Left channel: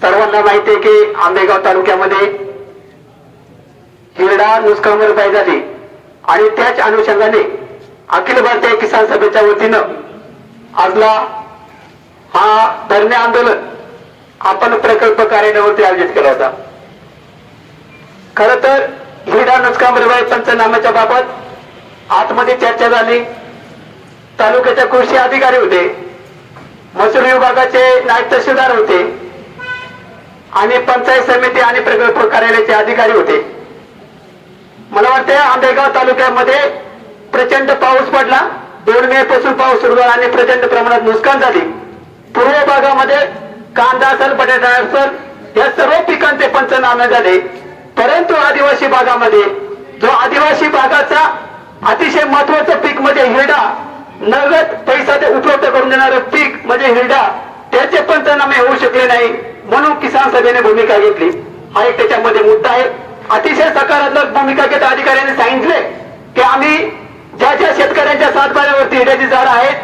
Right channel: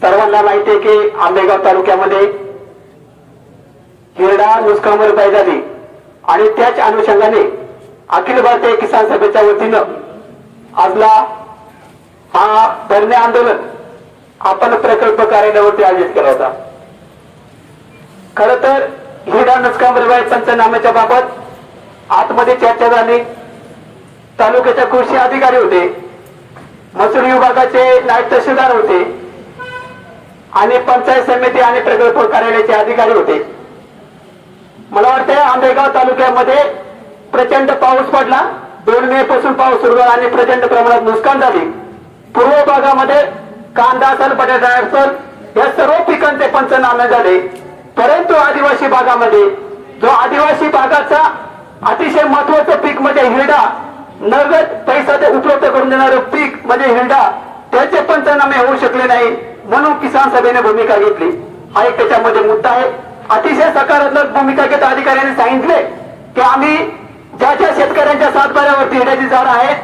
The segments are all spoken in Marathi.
सर्वांना माहिती आहे की आंबेगाव तालुक्यामध्ये हिरडा नुसकामवर झाली आणि त्याच अनुषंगाने अखिल भारतीय किसान सभेच्या वतीनं आजला हा धरणे आंदोलन आपण प्रकल्प कार्यालयावरती आयोजित केला होता. खर तर हिरडा नुसकामर पंचनाम्याच्या बाबत आतमध्ये चर्चा झाली. तालुक्याच्या कृषी अधिकारी होते. महसूल विभागाचे नायब तहसीलदार होते. आणि पंचायत समिती आणि प्रकल्प कार्यालयाचे अधिकारी होते. मला वाटते आंबेगाव तालुक्यामध्ये प्रचंड पाऊस पडला. दोन मे पासून पाऊस सुरू झाला आणि प्रचंड प्रमाणात नुकसान झाली. पूर्व भागामध्ये कांदा असेल बटाटा असेल या सर्व पिकांचे पंचनामे झाले. परंतु आदिवासी भागामध्ये जो आदिवासी भागाचा अतिशय महत्वाचं पीक म्हणजे हिरडा नगद पैसा ते उपलब्ध करून देणारं पीक म्हणजे हिरडा त्याचे पंचनामे होऊ शकले नाही. म्हणून किसान सभेने भूमिका घेतली. आणि त्याच्यामध्ये मुद्दा आहे अतिशय सकारात्मक भूमिका घेत अधिकाऱ्यांनी सांगितले की आम्ही ज्या ज्या शेतकऱ्यांच्या सातबाऱ्यावरती हिरड्याची झाड आहे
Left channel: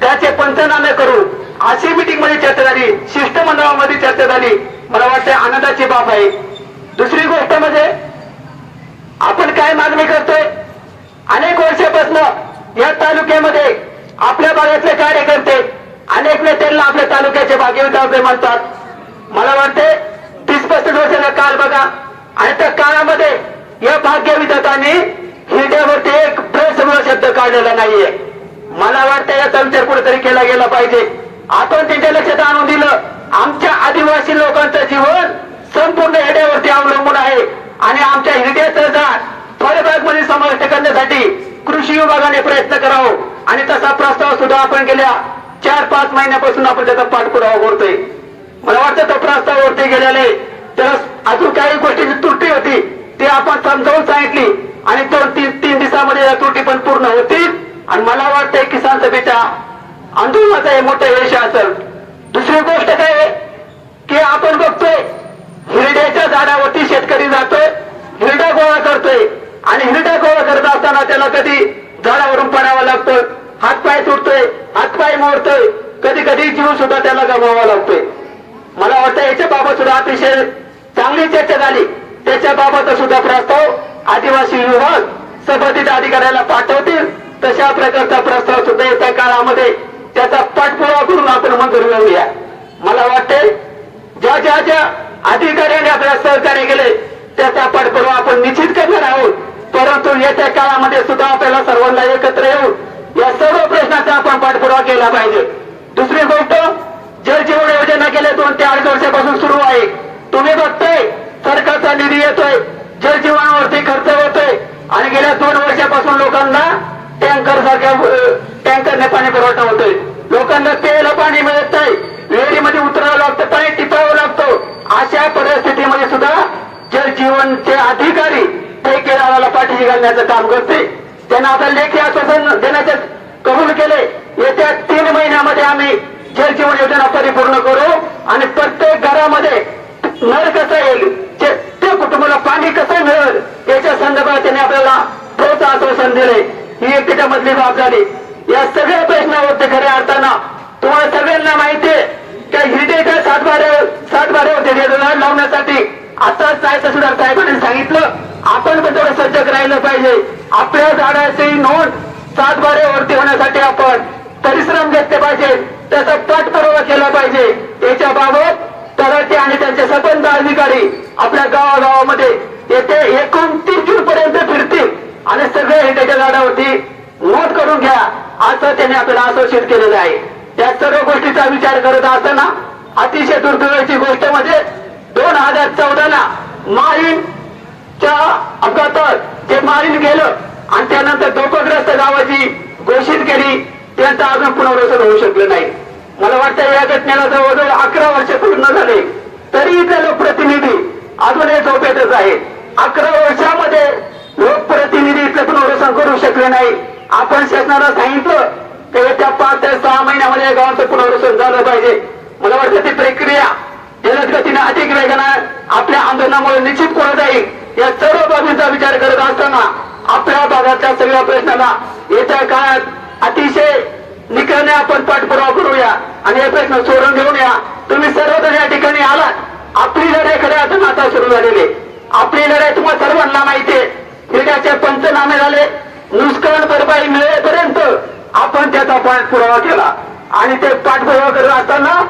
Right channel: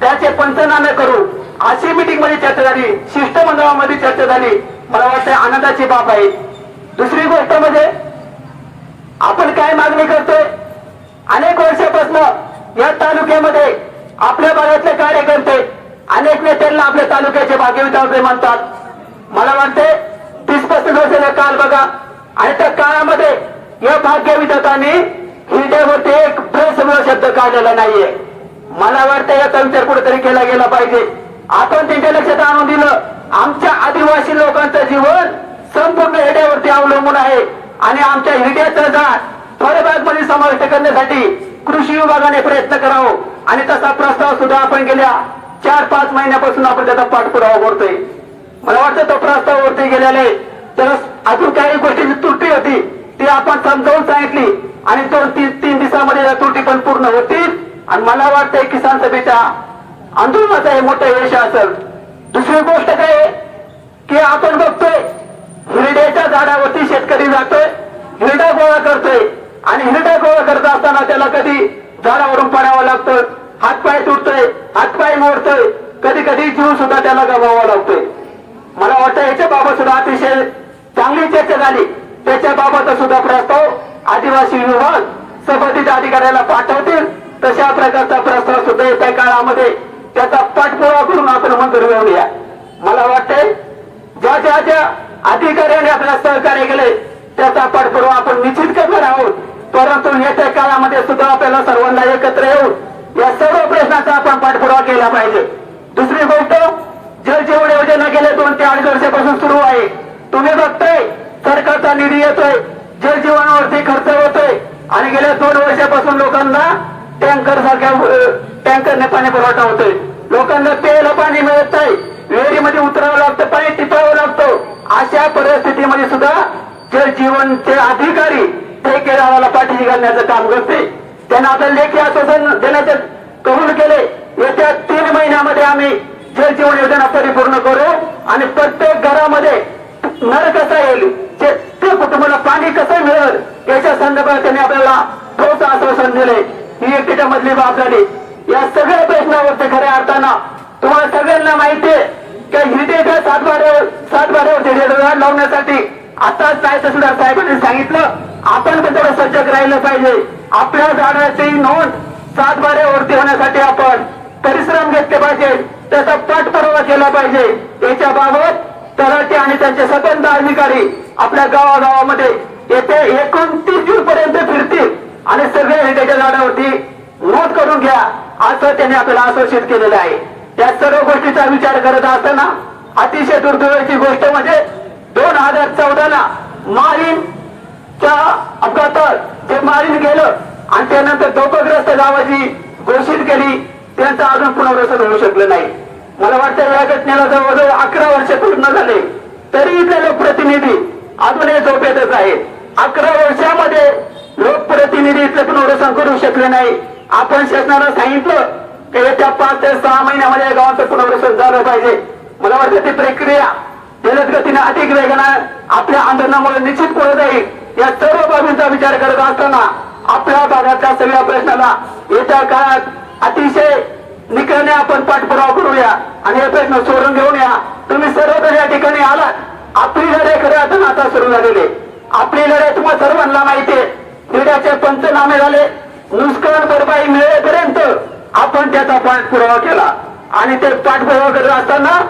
त्याचे पंचनामे करू. अशी मिटिंगमध्ये चर्चा झाली शिष्टमंडळामध्ये चर्चा झाली. मला वाटते आनंदाची बाब आहे. दुसरी गोष्ट म्हणजे आपण काय मागणी करतोय? अनेक वर्षापासून या तालुक्यामध्ये आपल्या भागातले कार्यकर्ते अनेक नेत्यांना आपल्या तालुक्याचे भागीदार मानतात मला वाटते तीस पस्तीस वर्षाचा काल बघा. आणि त्या काळामध्ये या भाग्यविधातांनी हिरड्यावरती एक समोर शब्द काढलेला नाहीये. मला वाटतं याचा विचार कुठेतरी केला गेला पाहिजे. आपण त्यांच्या लक्षात आणून दिलं. आमच्या आदिवासी लोकांचं जीवन संपूर्ण हिरड्यावरती अवलंबून आहे. आणि आमच्या हिरड्याचं झाड फळबागमध्ये समाविष्ट करण्यासाठी कृषी विभागाने प्रयत्न करावं. आणि तसा प्रस्ताव सुद्धा आपण गेल्या चार पाच महिन्यापासून आपण त्याचा पाठपुरावा करतोय. मला वाटतं तो वरती गेलेले त्याला अजून काही गोष्टीची त्रुटी होती. ती आपण समजावून सांगितली. आणि दोन तीन तीन दिवसामध्ये या त्रुटी पण पूर्ण होतील. आणि मला वाटतंय किसान सभेच्या आंदोलनाचं हे मोठं यश असेल दुसरी गोष्ट काय की आपण बघतोय हिरड्याच्या झाडावरती शेतकरी जातोय हिरडा गोळा करतोय. आणि हिरडा गोळा करत असताना त्याला कधी झाडावरून पडावं लागतं हातपाय तुटतोय हातपाय मोडतोय. कधी कधी जीव सुद्धा त्याला गमवावा लागतोय. त्याच्या बाबत सुद्धा अतिशय चांगली चर्चा झाली. त्याच्या बाबत सुद्धा प्रस्ताव आदिवासी विभाग संबंधित अधिकाऱ्याला पाठवतील. तशा प्रकारचा प्रस्ताव सुद्धा येत्या काळामध्ये त्याचा पाठपुरावा करून आपण मंजूर मिळवूया मला वाटते ज्या ज्या ज्या अधिकाऱ्यांनी आपल्याला सहकार्य केले त्याचा पाठपुरावा आपण निश्चित करणार आहोत. परंतु येत्या काळामध्ये सुद्धा आपल्याला सर्वांना एकत्र येऊन या सर्व प्रश्नाचा आपण पाठपुरावा केला पाहिजे. दुसरी गोष्ट जल जीवन योजना गेल्या दोन ते अडीच वर्षापासून सुरू आहे. तुम्ही बघताय सरकारचा निधी येतोय जल जीवनावरती खर्च होतोय. आणि गेल्या दोन वर्षापासून लोकांना टँकर सारख्या टँकरने पाणी पुरवठा होतोय. लोकांना प्यायला पाणी मिळत नाही विहिरीमध्ये उतरावं लागतं पाणी टिपावं लागतो. अशा परिस्थितीमध्ये सुद्धा जल जीवनचे अधिकारी ते केरळाला पाठी घालण्याचं काम करते. त्यांना आता लेखी आश्वासन देण्याचे कबूल केले येत्या तीन महिन्यामध्ये आम्ही जल जीवन योजना परिपूर्ण करू आणि प्रत्येक घरामध्ये नळ कसा येईल ते कुटुंबाला पाणी कसं मिळेल याच्या संदर्भात त्यांनी आपल्याला ठोस आश्वासन दिले. ही एक त्याच्यामधली जबाबदारी या सगळ्या प्रश्नावरती खऱ्या अर्थानं तुम्हाला सगळ्यांना माहितीये की की हिरडेच्या सातबारे सातबाऱ्यावरती रेडर लावण्यासाठी. आता साहेब सुद्धा साहेबांनी सांगितलं आपण त्याच्यावर सजग राहिलं पाहिजे. आपल्या झाडाची नोंद सातबाऱ्यावरती होण्यासाठी आपण परिश्रम घेतले पाहिजे. त्याचा पाठपुरावा केला पाहिजे. याच्या बाबत तलाठी आणि त्यांचे संबंध अधिकारी आपल्या गावागावामध्ये येथे एकोणतीस जून पर्यंत फिरतील. आणि सगळे हे त्याच्या झाडावरती नोंद करून घ्या. असं त्यांनी आपल्याला आश्वासित केलेलं आहे. या सर्व गोष्टीचा विचार करत असताना अतिशय दुर्दैवाची गोष्ट म्हणजे दोन हजार चौदाला मारीनच्या अपघातात जे मारीन गेलं आणि त्यानंतर धोकाग्रस्त गावाची घोषित केली. त्यांचं अजून पुनर्वसन होऊ शकलं नाही. मला वाटतं या घटनेला जवळजवळ अकरा वर्ष पूर्ण झाले तरी इथले लोकप्रतिनिधी अजूनही झोपेतच आहेत. अकरा वर्षामध्ये लोकप्रतिनिधी इथलं पुनर्वसन करू शकले नाही. आपण शासनाला सांगितलं की येत्या पाच ते सहा महिन्यामध्ये या गावाचं पुनर्वसन झालं पाहिजे. मला वाटतं ती प्रक्रिया जलद गतीने अधिक वेगानं आपल्या आंदोलनामुळे निश्चित पुढे जाईल. या सर्व बाबींचा विचार करत असताना आपल्या भागातल्या सगळ्या प्रश्नाला येत्या काळात अतिशय निकाने आपण पाठपुरावा करूया. आणि हे प्रश्न सोडून घेऊन या. तुम्ही सर्वजण या ठिकाणी आलात. आपली लढाई खऱ्या अजून आता सुरू झालेले आपली लढाई तुम्हाला सर्वांना माहितीये हिऱ्याचे पंचनामे झाले. नुसकान भरपाई मिळेपर्यंत आपण त्याचा पाठपुरावा केला. आणि ते पाठपुरावा करत असताना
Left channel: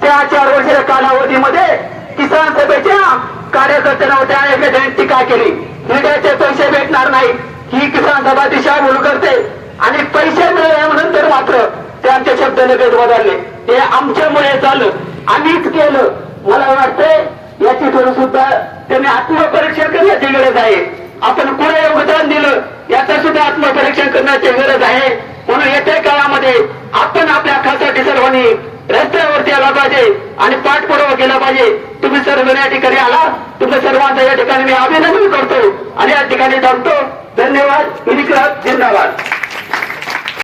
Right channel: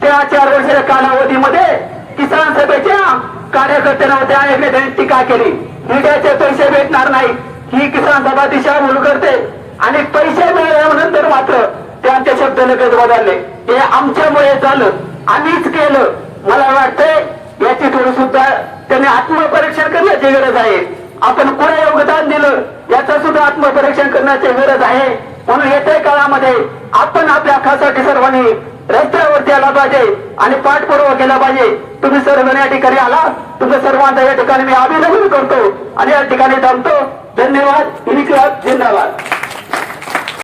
त्या चार वर्षाच्या कालावधीमध्ये किसान सभेच्या कार्यकर्त्यांना त्या एखाद्याने टीका केली. हिऱ्याचे पैसे भेटणार नाही. ही किसान सभा दिशाभूल करते. आणि पैसे मिळाल्यानंतर मात्र ते आमच्या शब्द लगेच बदलले हे आमच्यामुळे झालं. आम्हीच केलं. मला वाटतंय याची थोडी सुद्धा त्यांनी आत्मपरीक्षण करण्याची गरज आहे. आपण कुणा योगदान दिलं याचं सुद्धा आत्मपरीक्षण करण्याची गरज आहे. म्हणून येत्या काळामध्ये आपण आपल्या खासाठी सर्वांनी रस्त्यावरती आला पाहिजे आणि पाठपुरावा केला पाहिजे. तुम्ही सर्व या ठिकाणी आला. तुमचं सर्वांचा या ठिकाणी मी अभिनंदन करतो आणि या ठिकाणी थांबतो. धन्यवाद. विनिक्रात जिंदाबाद.